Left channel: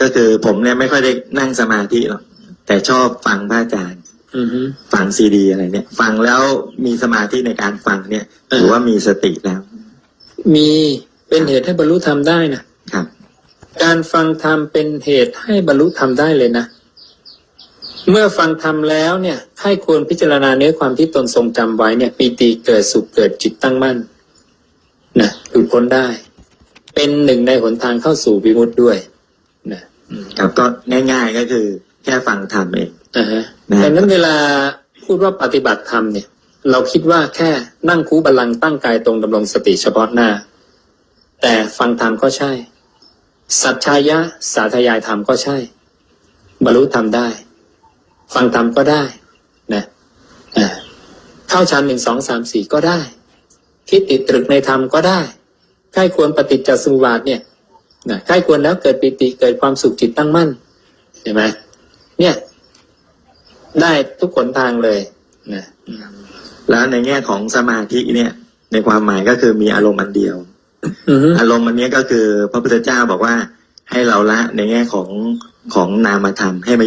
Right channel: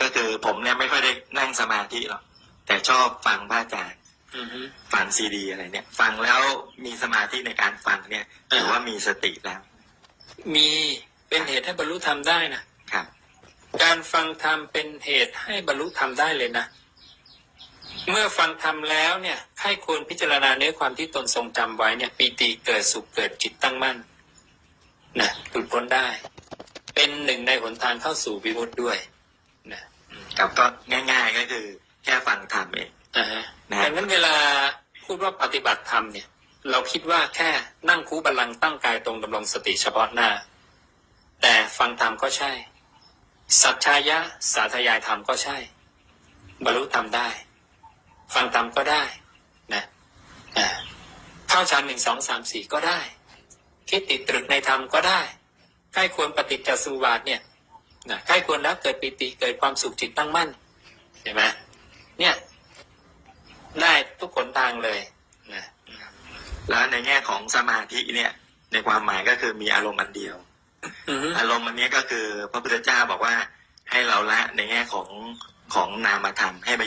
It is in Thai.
ก็คือผมเนี่ยไม่ค่อยได้นั่งสมาธิหรอกแต่ชอบฟังพระอาจารย์อือฮึฟังซีดีอะไรเนี่ย ฟังแล้วมีสมาธิในการฟังเนี่ยถือว่ามีสติแล้ว มีเป็นเหตุให้บรรลุธรรมได้นะครับ การฟังธรรมเป็นเหตุให้บรรลุธรรมได้เลยนะ เมื่อฟังธรรมแล้วเนี่ยให้ควรพิจารณาเนื้อความที่ตนทรงจำไว้เนี่ยปีติเกิดสุขเกิดจิตตั้งมั่นนะหลุดพ้นได้ เป็นหนึ่งในหนทางเข้าสู่วิมุตติด้วย นะอืมครับก็ง่าย ๆก็คือ แค่ฟังธรรมเองอ่าฮะนะดังนั้นเวลาพูดว่าปฏิบัติธรรมเนี่ย เราคิดว่าแค่นั่งคูบัลลังก์ตั้งกายตรงดำรงสติเฉพาะหน้า แต่ฟังธรรมก็ใช่ สัจชายะสาธยายธรรมก็ใช่ บรรลุธรรมได้ ฟังธรรมก็ได้นะอ่าเข้าฌานหนึ่งสองสามสี่ก็ได้ คิดติดตรึกในธรรมก็ได้ใกล้ควรปฏิจจสมุปบาทเนี่ย นะใกล้ควรแล้วเกิดปิติเกิดความสุขจิตตั้งมั่นเห็นไหมเนี่ย ได้ทุกขนทางเลยนะอืมแล้วในแง่ของสมาธิเนี่ย ในความหมายก็คือมีอารมณ์อันเดียวอือฮึอารมณ์อันนี้ก็คือ พระพุทธเจ้าบอกว่าให้เราละในแง่ของของนามธรรมให้มา